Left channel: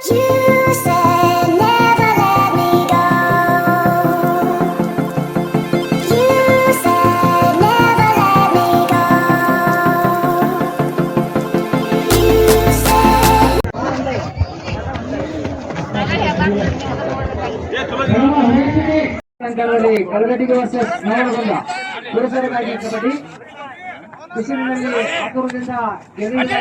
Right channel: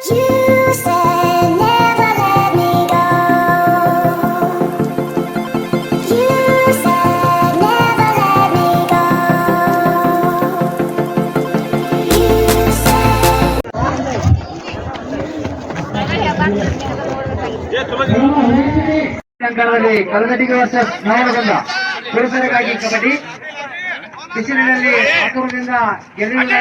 You said never let me go. You said never let me go. You said. ಅಂಕಣದಲ್ಲಿ ಕಲಗಟ್ಟಿಗೆ versus ನಾಯನಗೊಂಡ ಪುರುಷರಿಗಾಗಿ kabaddi ಬಿಸಿಲಿನಲ್ಲಿ ಆತುರದಿಂದ ಗೆಲುವಿನ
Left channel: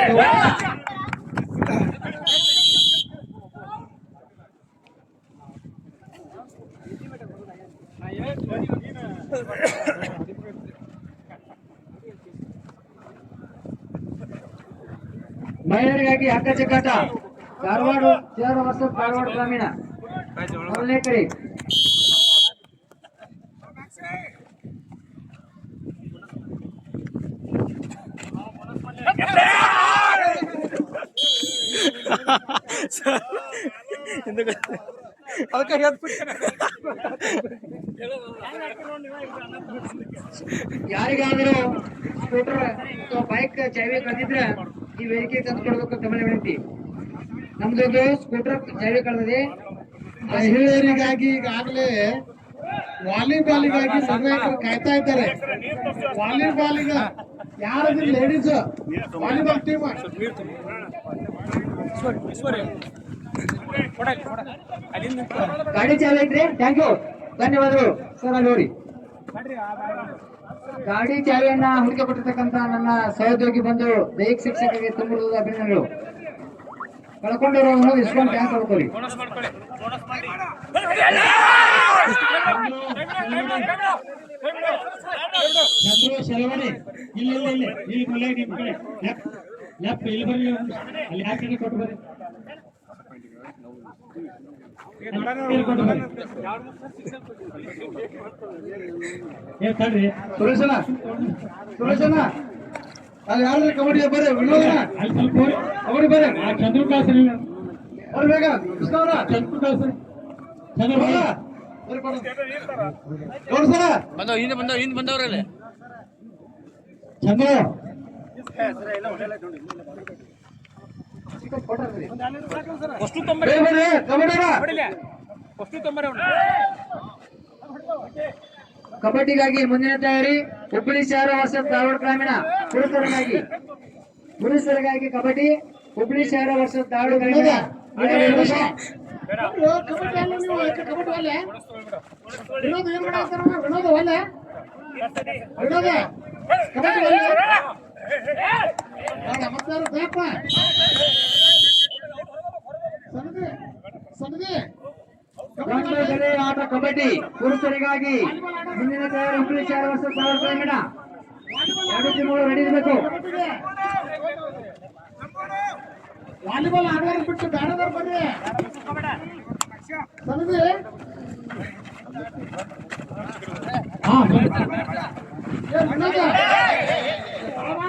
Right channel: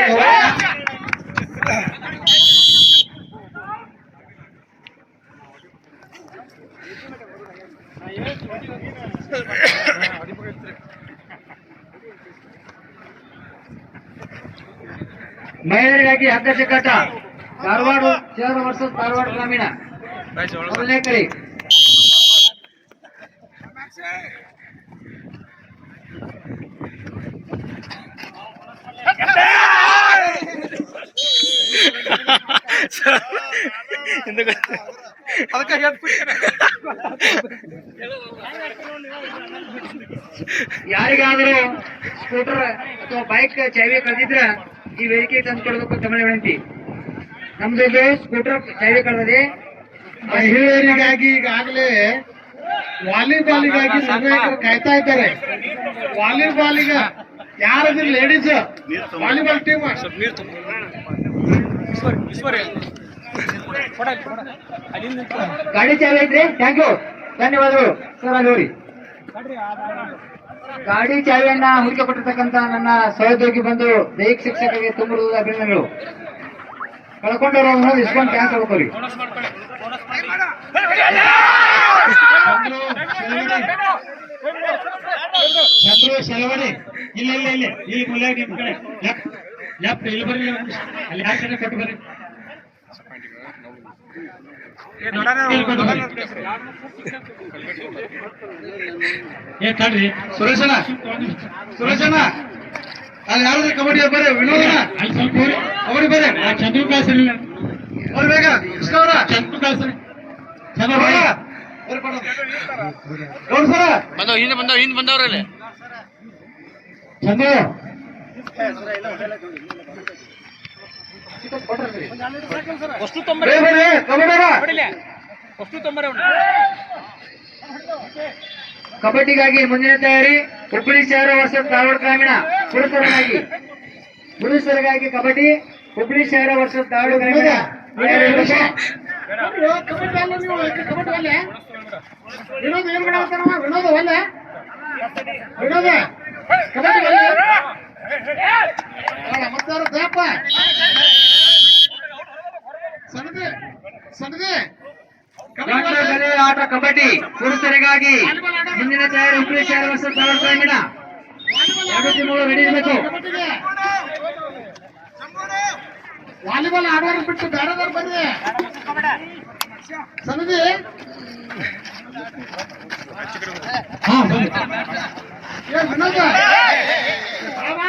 ಮಹಿಳೆಯರಿಗಾಗಿ ಹಗ್ಗ ಚಕ್ಕಾಟ ಧಾರವಾಡ ಶಹರ ವರ್ಸಸ್ ಧಾರವಾಡ ಗ್ರಾಮೀಣ ಮೊದಲನೇ ಕರೆ ಯಾರಿಗಾದರೂ ಸ್ಕೂಟರ್ ಅಥವಾ ಬೈಕ್ ಚಾವಿ ಕಳೆದಿದ್ರೆ ಈ ವೇದಿಕೆ ತಂದು ಕೊಡಬೇಕು ತಮ್ಮ ವಿನಂತಿ. ಇದು ಸ್ಕೂಟರ್ ಚಾವಿ ಕಳೆದಿದೆ. ಮಹಿಳೆಯರಿಗಾಗಿ ಈಗಾಗಲೇ ವಾಲಿಬಾಲಿಗಾಗಿ ನಿರ್ಣಾಯಕರು ಕಾಯ್ತಾ ಇದ್ದಾರೆ. ವಾಲಿಬಾಲಿಗ ಯಾರಾದ್ರೂ ಲೇಡೀಸ್ ವಾಲಿಬಾಲ್ ಟೀಮ್ ಗಾಡಿ ಚಾವಿ ಐತ್ರಿ ಥ್ಯಾಂಕ್ ಯು ಧನ್ಯವಾದಗಳು ಸರ್ ಅಲ್ಲಿ ಗಾಡಿ ಚಾವಿಯನ್ನ ಹುಡುಕಿ ಕೊಟ್ಟಿರ್ತಕ್ಕಂತ ನನ್ನ ಸಹೋದ್ಯೋಗಿ ಬಂದು ದೈಹಿಕ ಶಿಕ್ಷಕರಿಗೆ ತುಂಬ ಅಭಿನಂದನೆಗಳು ಕಳ್ಕೊಂಡವ್ರು ಇಸ್ಕೊಂಡು ಕ್ಯಾನ್ಸ್ ಮಾಡ್ಕೊಳ್ಳಿ ಚಂದ್ರು ಶೆಲವಣಿ ಇಲ್ಲ ಇಲ್ಲ ಇಲ್ಲ ಇಲ್ಲಿ ಮುಲ್ಯಾಗ ನಿಮ್ ಕಡೆ ಲೆಫ್ಟ್ ಇಲ್ಲಿ ಬರ್ರಿ. ಅಲ್ಲಿ ಯಾಕೆ ಕೊಟ್ಟು ಬರ್ರಿ. ಏ ತಡ್ರಿ. ಸುರೇಶನ ಸುರೇಶನ ಅಲ್ಲಿ ಯಾರಾದ್ರೂ ಕಬಡ್ಡಿ ಬರ್ರಿ ವಿನೋದನ ಅಲ್ಲಿ ಸ್ವಲ್ಪ. ಕಬಡ್ಡಿ ಬರ್ರಿ ಆ ಚಂದ್ರು ಕಳ್ಸಲಿಲ್ಲ ಅವ್ರು ಬೇಗ. ಕೃಷ್ಣ ಅವರ ಚಂದ್ರು ಕಳ್ಸರಿ ಚಂದ್ರ ಬಂದವ್ ಹಿಂದೆ ಬಂದವ್ ಹಿಂದೆ ಬಂದವ್ರಲ್ಲಿ. ಚಂದ್ರ. ಅಷ್ಟು ತೊಂಬರಿ ಕಬಡ್ಡಿಗಾಗಿ ಮುಂದಿನ ತಯಾರಿ ಹುಬ್ಬಳ್ಳಿ ಶಹರ ವರ್ಷದ ಧಾರವಾಡ ಗ್ರಾಮೀಣ ಪುರುಷರಿಗಾಗಿ. ಪುರುಷರಿಗಾಗಿ ಕಬಡ್ಡಿ ಹುಬ್ಬಳ್ಳಿ ಶಹರ ವರ್ಷದ ಧಾರವಾಡ ಗ್ರಾಮೀಣ. ವಿನೋದ್ ಏನ್ ಮಾಡಾಕತ್ತಾನವ? ವಿನೋದ್ ಒಲ್ಲೆ? ವಿನೋದ ಕಬಡ್ಡಿ ಒಲ್ಲೆ? ಅಲ್ಲ, ಮತ್ತಾರು ದ್ಯಾಪ. ಸಣ್ಣದೆ ಸಣ್ಣದೆ ಗಂಡು ಬೆಲೆ ಆಟ ಕಬಡ್ಡಿ ಪುರುಷರಿಗಾಗಿ ಮುಂದಿನ ತಯಾರಿ ಗ್ರಾಮೀಣ ಎರಡು ಟೀಮ್ಗಳು ರೆಡಿ ಇರಬೇಕು. ವಾಲಿಬಾಲ್ ಆಡೋರು ಬಿಟ್ಟು ಬೇರೆದವ್ರು ಬಂದ್ರೆ? ಸಮಿತಿ? ಹಾ ಬನ್ನಿ. ಏ ವಿನೋದ. ಬಾ,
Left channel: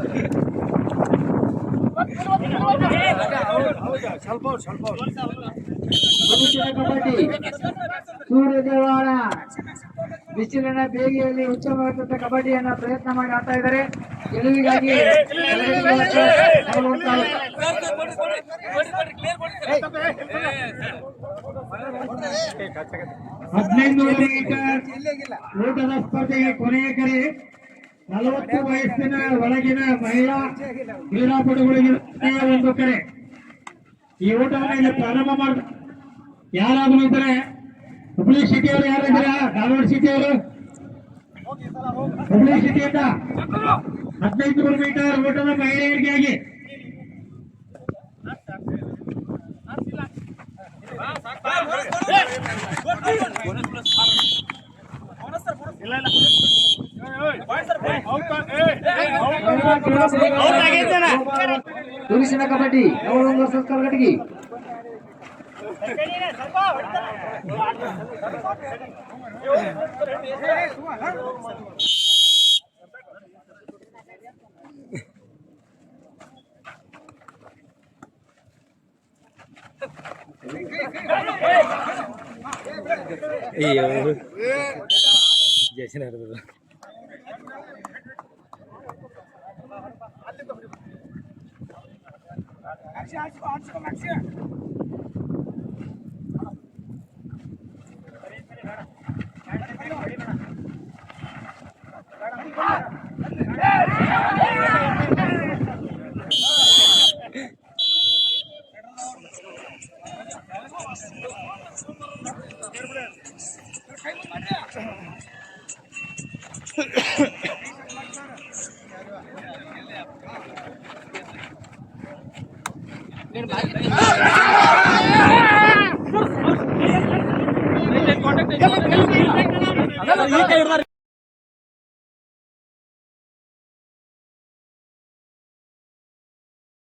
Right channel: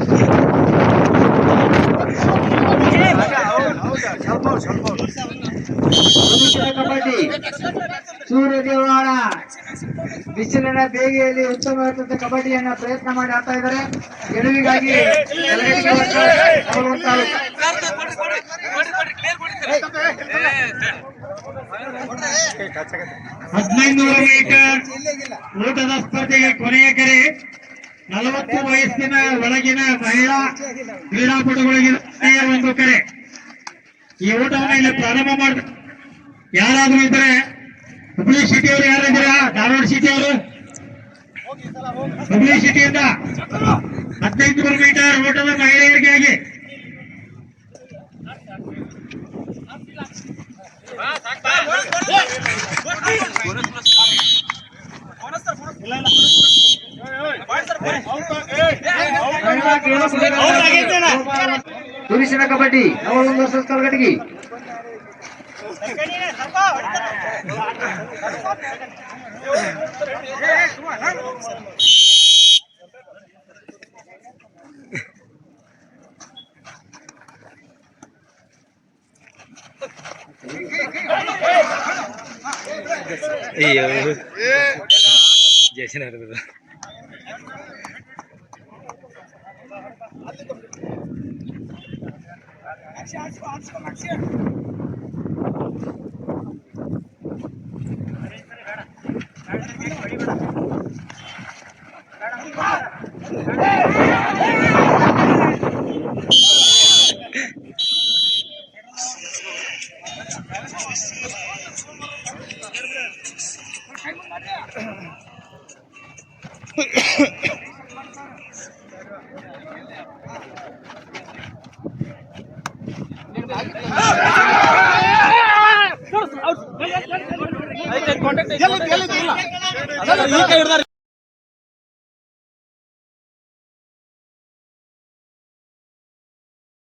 ಪುರುಷರ ಕಬಡ್ಡಿ ಸೂರ್ಯದೇವಾಳ ಬಿಸಿಲಿನ ಬೇಗೆಯಲ್ಲಿ ಉತ್ತಮವಾದ ಕಬಡ್ಡಿಯನ್ನ ಪ್ರಯತ್ನ ಮಾಡಿ ಆಡ್ತಾ ಇದ್ದಾರೆ ಗೆಲುವಿಗಾಗಿ ಹದಿನೈದುನೂರು ಮೀಟರ್ ಊಟದ ಸ್ಪರ್ಧೆಗೆ ಕೊನೆಯ ಕರೆ ನಲವತ್ತು ವಯಸ್ಸಿನ ಒಳಗಿನ ಮಹಿಳಾ ಕ್ರೀಡಾಪಟುಗಳಿಗೆ ಒಂದು ಕರೆ. ಈ ಓಟವನ್ನು ಇಲ್ಲಿ ಪ್ರಾರಂಭ ಮಾಡ, ಯಾರಾದ್ರೂ ಇದ್ರೆ ಹುಬ್ಳಿ ಸಿಟಿ ಅವರು ಯಾರಿದ್ದೀರಾ ಧಾರವಾಡ ಸಿಟಿ ಅವರು ಹುಬ್ಳಿ ಸಿಟಿಯಿಂದ ಹದಿನೈದು ಮೀಟರ್ ಓಟದ ಮಹಿಳೆಯರಿಗಾಗಿ ಪುರುಷನ ಕಬಡ್ಡಿ ನವಲೊಂದು ವರ್ಷದ ಕಲಗಟ್ಟಿಗೆ ಅಯ್ಯೋ লাগছে আটশো আটশো লাগছে Hehehe ಈ ಕೈ ಹಿಡ್ದಾರ.